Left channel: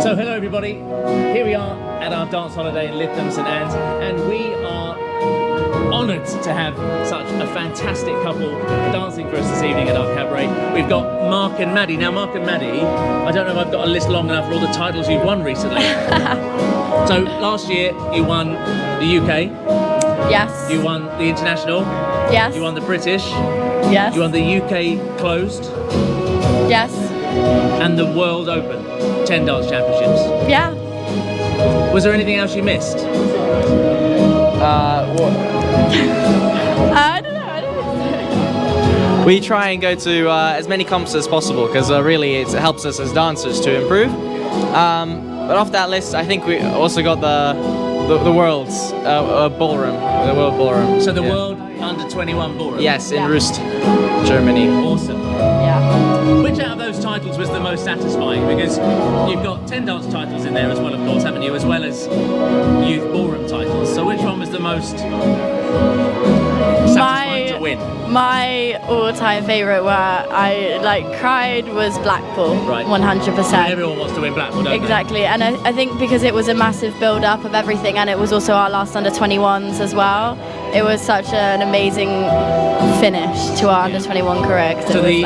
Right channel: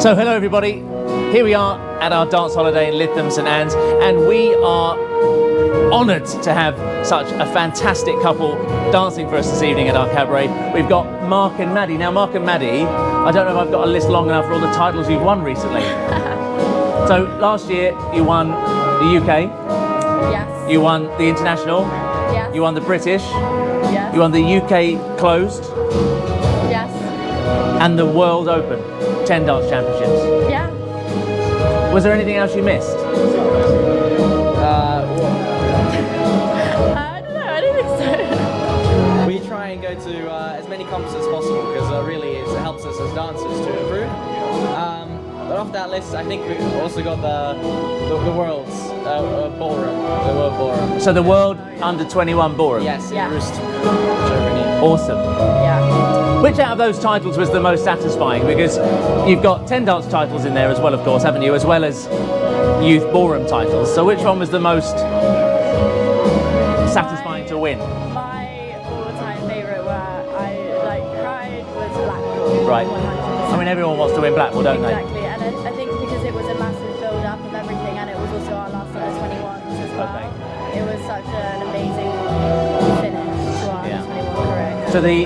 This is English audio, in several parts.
So hello everybody, here we are at our dance holiday in Lytham, St Anne's, and we are honoured to have such a fantastic couple dancing for us this evening in our cabaret. We've got Mark and Maddie. Now Mark and Maddie, I don't know if I've got a list long enough for all the titles you've won recently. So last year you won the UK. Yes. You won the International. Yes. You won the British. Yes. You won the UK Closed. Yes. And the World Open 10 Dance Championships. Yeah. Was there anything else you missed? I don't know, I don't think so. We try and go to as many comps as possible because really it helps us as dancers to improve. But off that list, I think we also got the world's ballroom, the world ballroom. So the World Under 21 Ballroom? Yes, in Rust, Germany. Awesome. Yeah. Which out of those titles was the most satisfying? Because you've got 10 dance titles in there as well, of course, haven't you? As well as youth ballroom titles. So which one was the most satisfying to win? My all-time favourite where I cried was Blackpool. Right. 100%. And everyone wants to win Blackpool, don't Exactly, and I think because it was a massive build-up of everything, and it was also our last under 21s as well. It was such an amazing finish to our under 21 career. So the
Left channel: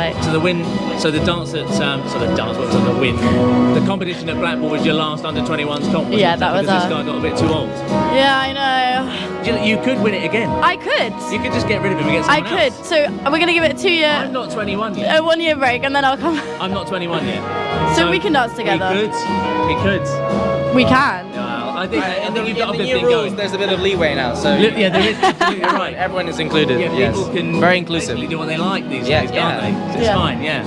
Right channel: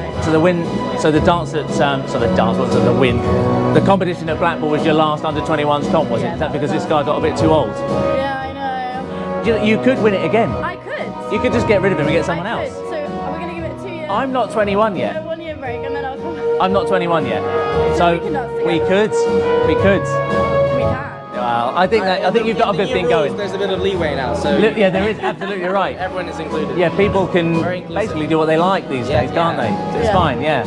competition at Blackpool was your last under 21s comp, was Yeah, it? that was because this guy got a bit too old. Yeah, I know. You could win it again. I could. You could just get rid of him and get someone I else. could. So we're gonna give it a 2-year. I'm not 21 yet. A 1-year break, and then I'll come. I'm not 21 yet. So we can dance together. We could. We can. Well, I think you've got a good thing going. There's a bit of leeway now. So Yeah, there is, absolutely right. Everyone is included. Yeah, people can Very inclusive. basically do what they like these Yeah, days, can't they? It's fine, yeah.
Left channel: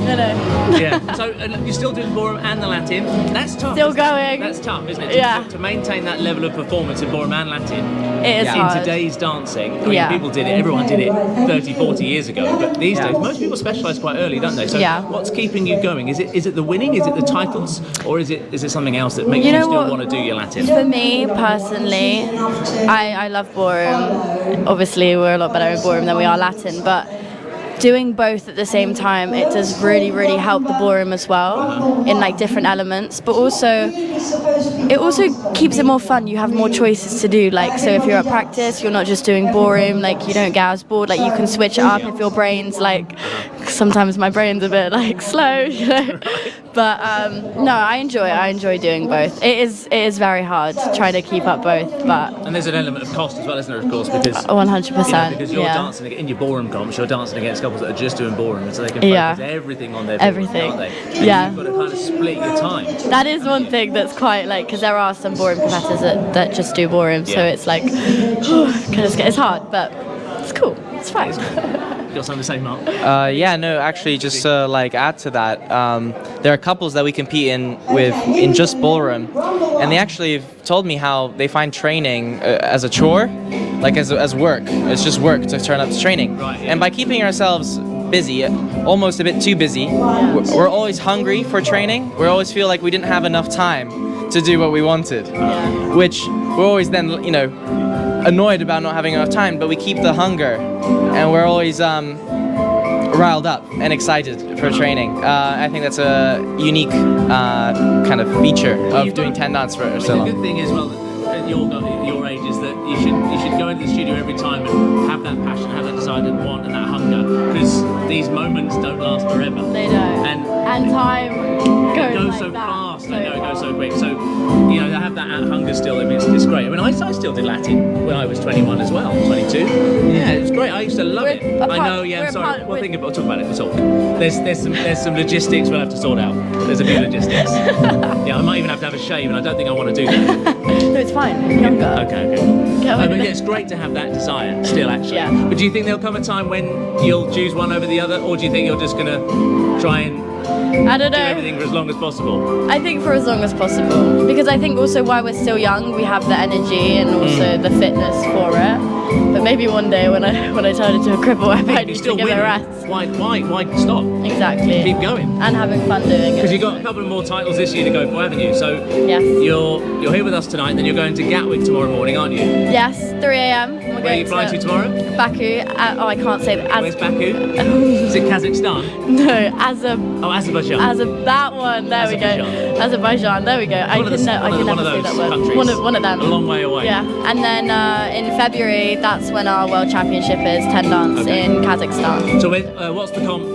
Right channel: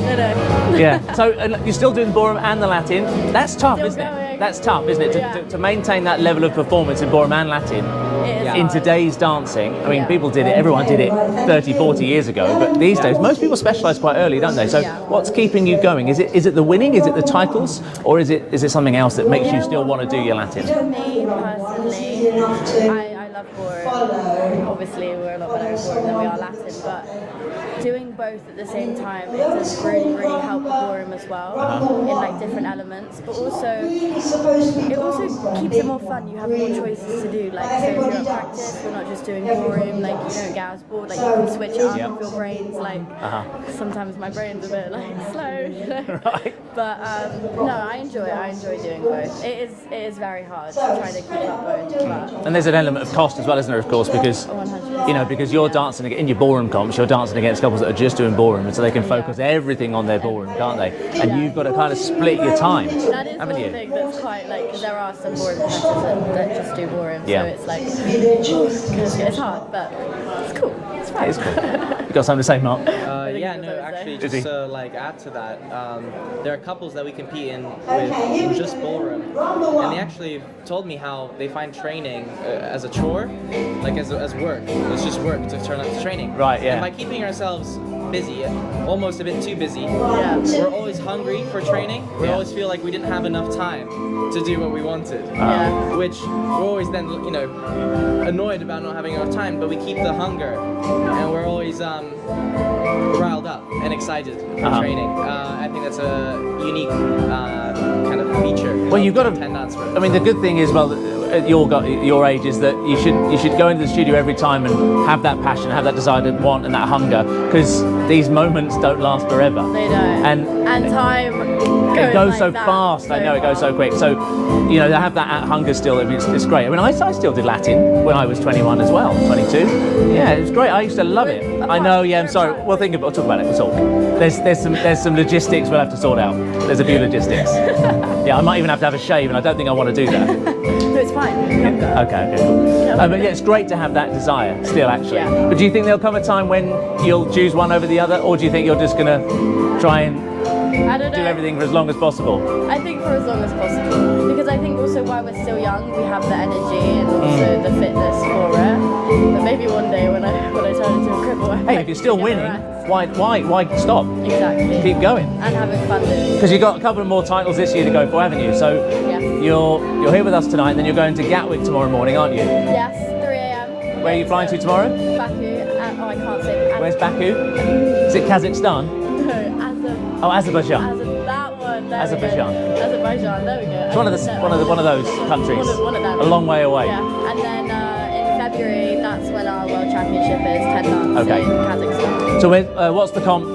No. Yeah. So you're still doing ballroom and the Latin. That's tough. Still isn't it? going. That's tough, isn't it? Yeah. To maintain that level of performance in ballroom and Latin It is in hard. today's dancing. I mean, Yeah. people did it. Everyone did it 30, 40 years ago. But these days, most people specialise quite early, don't they? So Yeah. what's keeping you going? Is it the winning? Is it the titles? Or is it something else that makes you, You know still what? want to do your Latin? For me personally, I love ballroom. Obviously, we're a lot better in ballroom than we are Latin, but doing both at the same time, it does really, really help the ballroom as well in different elements. But also, it also keeps it more fun. You have more choices to do. So if you're at practice, you're not just doing ballroom. You don't get as bored. You can switch it up if your brain's sometimes my brain's a bit slow, you know. But no, I enjoy doing both. It is very hard trying to keep up both. But And there's an element of cost as well, isn't there? Of course, because 100%. because you're dancing in your ballroom comps, you're dancing against couples that are just doing ballroom, so they can focus everything on their ballroom, can't they? And you've got to kind of split your time. That is one thing that's quite because there are some ballroom competitors that just do ballroom, so it's it's hard, but it's cool. It's fun. It's cool. You got something to say, Mark? Actually, just add to that, there are couples that we compete in just ballroom, and they actually have told me how they find training as a chore, as work. It's just work to turn up to training. Right. Yeah. And by keeping ourselves busy, almost a bit too busy, we're always hungry for training. We always feel like we didn't have enough time to do what we wanted, which we're always then annoyed about not having enough time, but we keep the hunger, and we're always riled up and excited for training. I think that's a unique kind of feature of doing 10 dance for I mean, the good thing is, at your age, is that you should go into the studio every time and have that passion, have that desire to want and that hunger, because these moments don't last forever. They don't. And time it goes so fast. I know it goes so quick. So, to have that hunger still, it's great. I mean, I still did Latin when I was 21 as well, 22. Yeah, it was great. I used to love it. I know. Yeah, I'm sorry. We'll talk about it. We'll talk. There's some logistics we'll have to sort out. There's a few logistics. Yeah, I might even have to have a shave, and I don't think I want to do that. No, it's fine. You're younger. Okay. But yeah, it's great to have that desire still, actually. Yeah. But do you think there'll come a time when you'll choose one over the other, or do you think you're just gonna try and I don't know. do everything for as long as possible? I think for as long as possible, because I think also while we're still young, we have the energy and also the fitness for it. But maybe one day when I turn into a cripple, I might You're need to still give it a winning. rest. Why stop? Exactly. Keep going. And having fun doing it. Because you've got a couple of more titles this year to go for, haven't you? So Yes. you're here with us tonight, and then you're going to Gatwick tomorrow morning, aren't you? Yes, 3 a.m. Where are you flying to tomorrow? Baku. I can't say that. Where's Baku? Is it Kazakhstan? No, Oh, Azerbaijan. Azerbaijan. That one. There we go. Azerbaijan. There we go. One of those countries. One of them. A long way away. Yeah. And then in February, that's when our World Championship is 10 dance in Kazakhstan. So what's the comp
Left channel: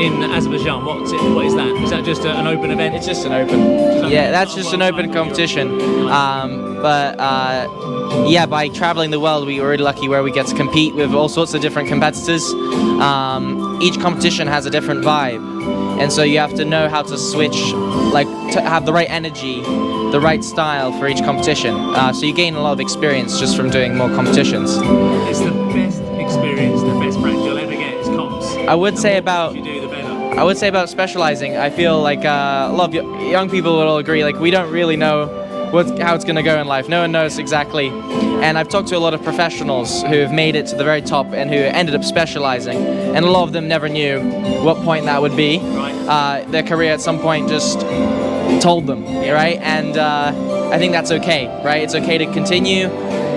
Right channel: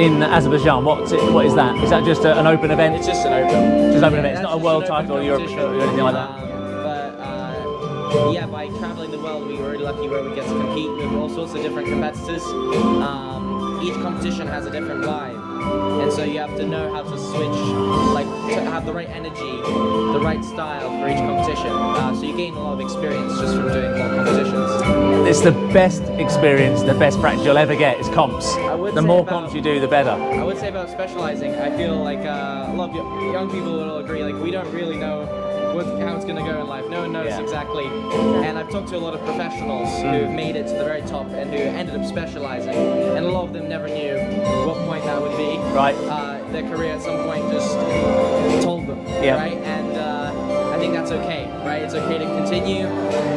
in Azerbaijan? What is that? Is that just an open event? It's just an open. Yeah, that's just an open competition. Yeah, by traveling the world, we were really lucky where we get to compete with all sorts of different competitors. Each competition has a different vibe, and so you have to know how to switch, like to have the right energy, the right style for each competition. So you gain a lot of experience just from doing more competitions. It's the best experience, the best practice you'll ever get is comps. I would say about you do, the better. I would say about specializing. I feel like a lot of young people will all agree. Like we don't really know how it's going to go in life. No one knows exactly. And I've talked to a lot of professionals who have made it to the very top and who ended up specializing. And a lot of them never knew what point that would be. Right. Their career at some point just told them, right? And I think that's okay, right? It's okay to continue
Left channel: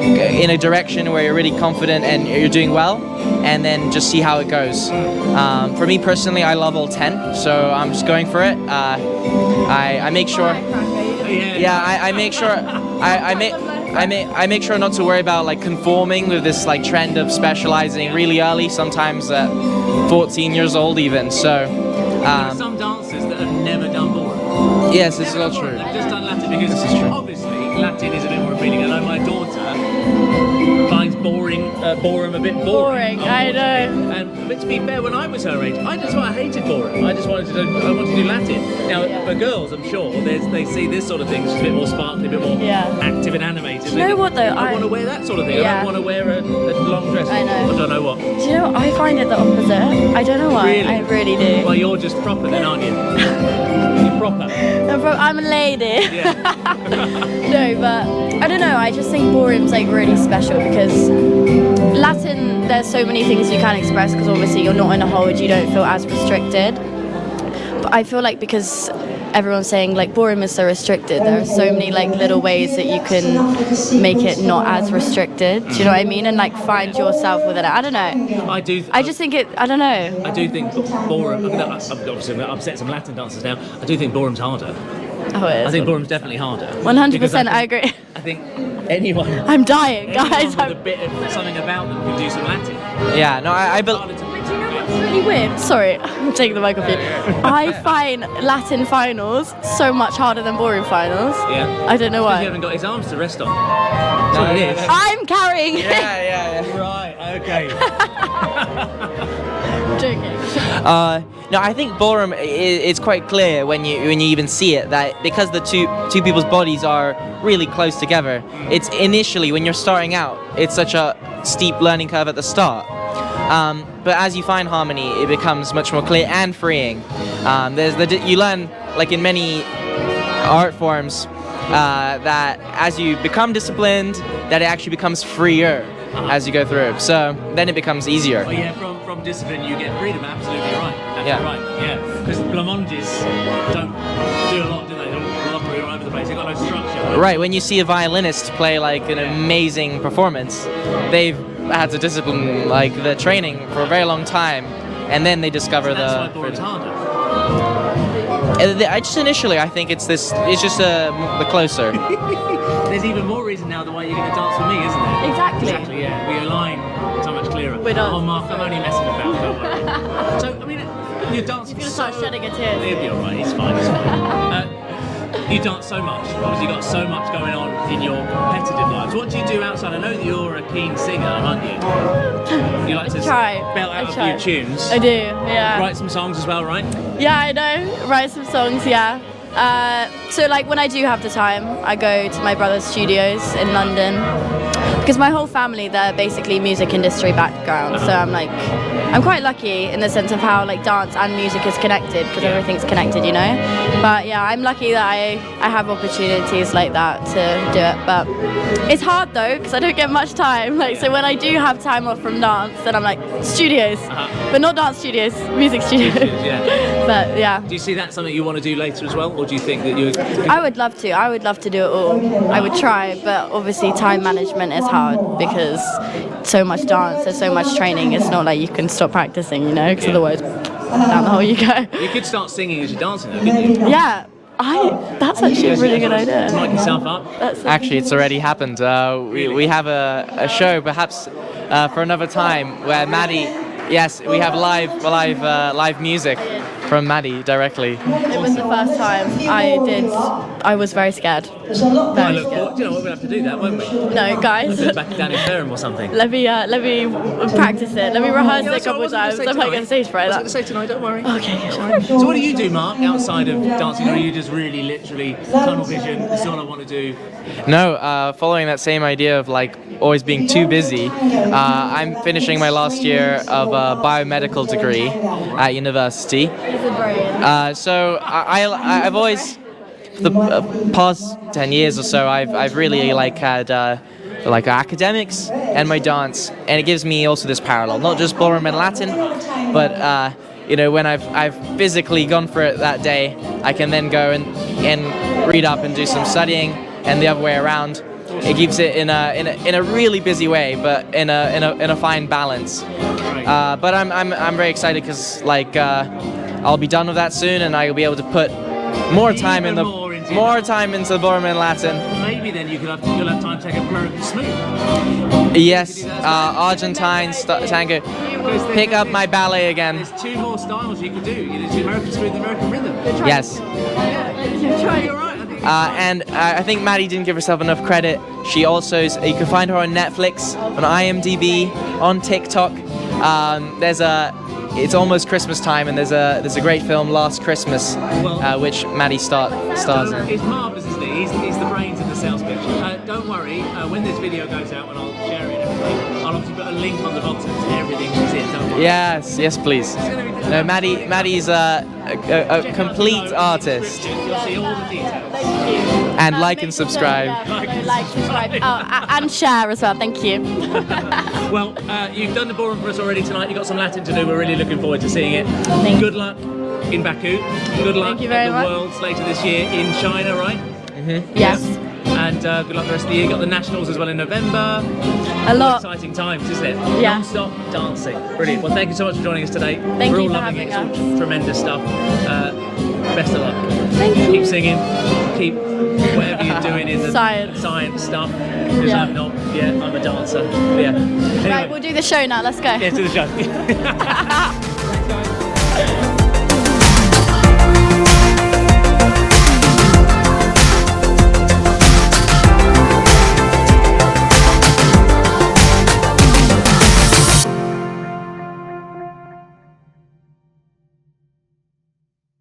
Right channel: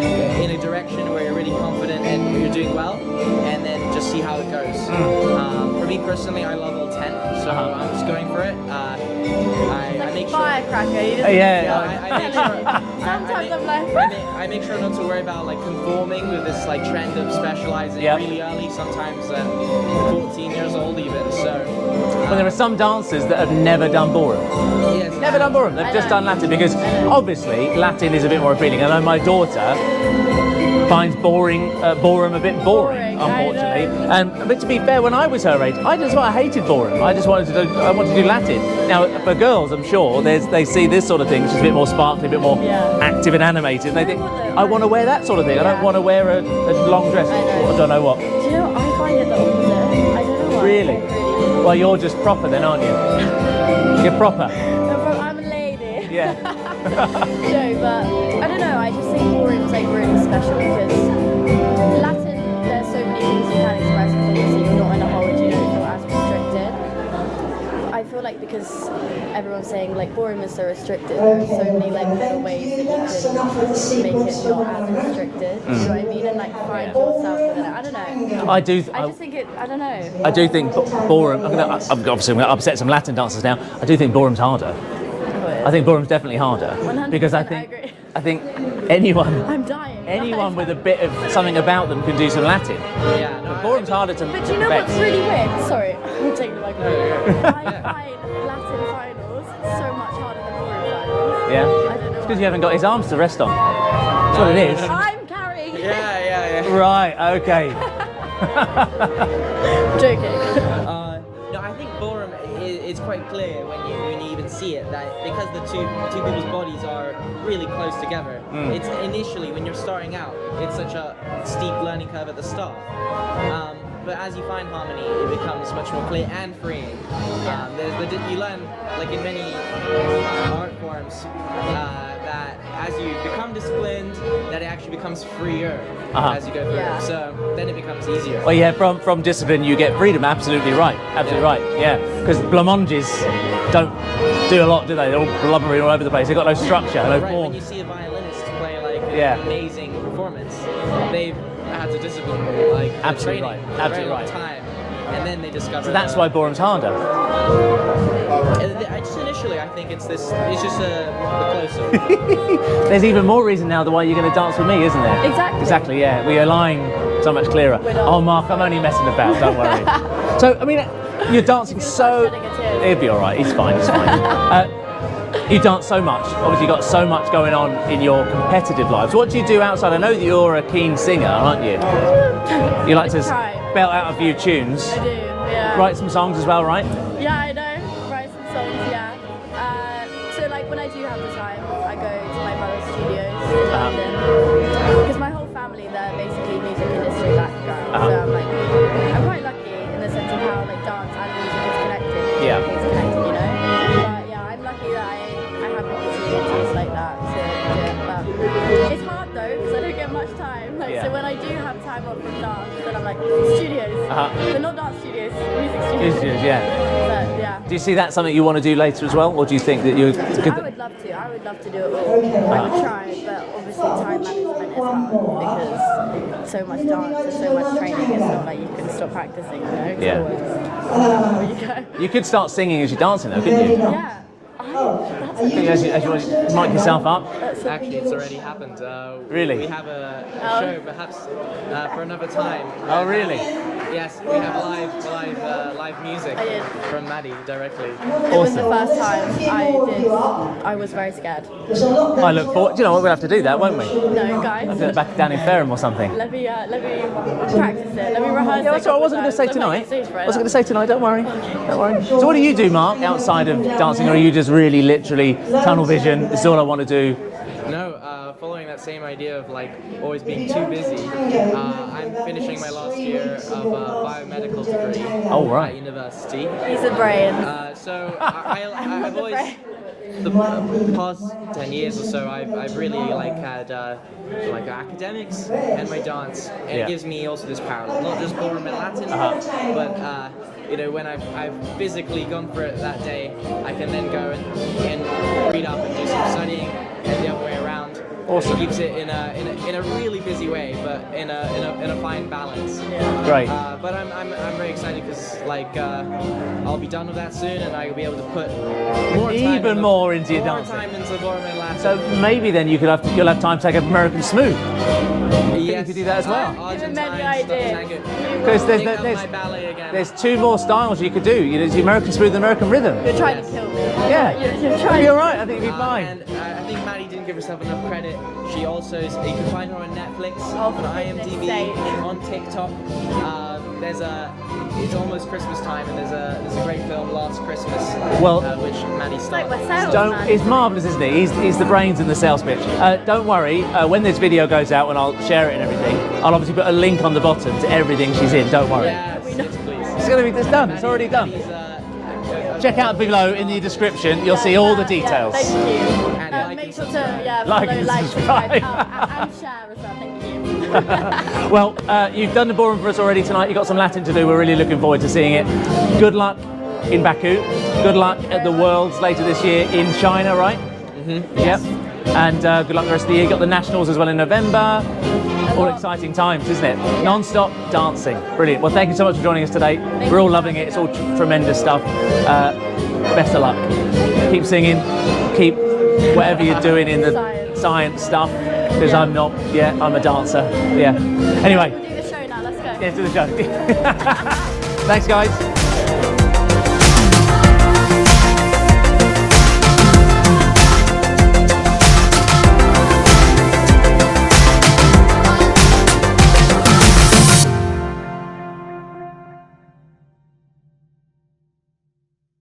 in a direction where you're really confident and you're doing well, and then just see how it goes. For me personally, I love all 10, so I'm just going for it. I make sure. I make sure. I make sure not to worry about like conforming with this like trend of specializing really early. Sometimes at 14 years old even. So. There are some dancers that have never done ballroom. Yes, it's never done ballroom. They've just done Latin because obviously Latin is a bit more appealing. And I know my daughter finds ballroom a bit boring, unfortunately. But to be fair, when I was her age, I hated ballroom. I wanted to do Latin. Now for girls, I'm sure they see this sort of thing, which is a bit more sparkly, a bit more active and animated. Do you know what though? I want to wear that sort of thing. I don't want to wear a long dress. I know. I don't know what. Do you know? I find it the opposite. I don't know why. Really? I really do. Well, you're just proper then, aren't you? You're proper. I'm a lady. Yeah. No, but I don't know. I just think ballroom's like really special because Latin, there's so many things you can express because obviously you're not in a hold, you don't feel as restricted. But I feel like because everyone's saying like ballroom is so restricted, there are so many like little ways that you can make it not as restricted. Do you know what I mean? And like find yourself within it. I don't know. I do. I just think it. I don't know. I do think ballroom. I'm going to upset some Latin dancers now. I do think ballroom's harder. Oh, yeah. I think ballroom's definitely harder. 100%, I agree. I think anyone. I'm dying, guys. Anyone with a bit of something about them can do some Latin. Yeah, no, I But do you know what's really weird? Sorry, I'm taking the mic off you. I find Latin finals so much harder than ballroom finals. Yeah. I don't know Because why. you haven't got his arms to rest on. That's what it is. I'm carrying. Yeah. Right. Okay. Joking. No, I think ballroom it's quite clear when you even see it that because the two people's bodies are really close together. It's initially when you're starting out, it's such a steep learning curve at the start. But as you find harmony, it becomes much more clear and freeing. You learn like in many art forms that as you become disciplined, that it actually becomes freer as you go through. So then it becomes easier. Well, yeah, from discipline you get freedom. Absolutely right. Absolutely right. Yeah, because blamonges don't do a lot, do they? They're all blubbery all over the place. They've got no structure. Right. When you see a violinist play like an amazing performance, they've had to discipline like their training for a very long time, and then they discover that's why ballroom's harder. Initially, I think it's just the closer. There's even more reason now why you're going to dance with me, isn't there? Exactly, yeah. We align so much clearer. We're not. Oh, Mark, I'm only messing about, don't worry. So, I mean, you're dancing so... He'll be all right, he's fine. You dance so much. Obviously, you've got so much going on in your competitive lives. What do you do outside? I know that you're a keen singer, aren't you? You like to belt out a few tunes. I do, yeah. Write some songs as well, right? Yeah, I know. Write some songs, yeah. So like when I do have the time, I go to my brother's studios in London because my whole family, they're basically music industry background. So I'm quite lucky in the sense of how like dance and music is connected because everything's connected, you know. But yeah, I'm lucky that I have opportunities like that to do it. But it's hard though because I don't get much time. So when I do have time off from dance, then I'm like studios, but not dance studios, music studios. But yeah. Do you see that something you want to do later as well, or do you think that you? I would love to. I would love to do it all. I would try, but obviously time management is hard because so much dance, there's so much training. It's not like you can stop practicing, you know, because otherwise. down the hole you go. You could start singing as you're dancing, though, couldn't you? Yeah, that's actually a really good idea. Mic yourself up. Actually, it's already happened. Really? We have a show, perhaps for another time, where Maddie. Yes, we have live music from Maddie directly. It was the first time I was very scared. I look forward. You know, we'll have to do that, won't we? No, guys. Go back down in Ferrum or something. Let me practice it. Let me rehearse it a couple times. I was going to say tonight. Don't worry. Okay. Don't worry. So what do you do, Mark, outside of dancing? Or are you just really, literally tunnel vision? This is all I want to do. No, following that same idea of like always being too busy, I'm finishing my last year of a biomedical degree at university. He's a brain. So I've always, for the past 10 years or so, I've really like had like academics and my dance, and it gives me also this parallel, not just ballroom and Latin, but you know, when I've physically gone for it that day, I can then go and read up and do some studying, and the other way around. Awesome. It keeps it in a really busy way, but in a fine balance. Right. But I'm very excited because like I'll be done with that soon, and I'll be able to put more time into ballroom and Latin. So maybe then you'll have time to take up American Smooth. Yes, You as well? Argentine tango. Pick up my ballet again. There's two more styles you could do. You know, the American Smooth and American Rhythm. Yes. Yeah. You're right. I think you're fine. And I think Maddie didn't give herself enough credit. She also you can find her on Netflix, on IMDb, on TikTok. It's almost Christmas time, and there's a great film, Last Christmas, which Maddie stars. It's marvellous, isn't it? He's the brains in the sales pitch. Don't worry, when this video goes out and I'll share it and everything, I'll obviously put a link on the bottom to everything she's in. Don't worry. Yes, please. It's going to be done. Maddie's a check out complete below artist. in the description. You'll see all the details. Thank you. And like and subscribe. Like and subscribe. And share as well. Thank you. Well, you've done the ballroom for us already tonight. You've got some Latin to do. We're really looking forward to seeing it. Good luck in Baku. Good luck at the Worlds later this year in China, right? Mm-hmm. Yes. Yeah. And good luck the rest of the year. You've got the Nationals as well in November. All exciting times, isn't it? Yeah. Non-stop dancing. Brilliant. Well, thank you so much for joining us today. Thank We're all you for loving it. It's all having tremendous stuff. Best of luck. Thank you. Keep singing. Keep whatever you're doing in the Science stuff. Because I'm not yet. I'm a dancer. Yeah. Anyway. Right, we'll do the show now. Let's go. Let's do the show. Thanks, guys.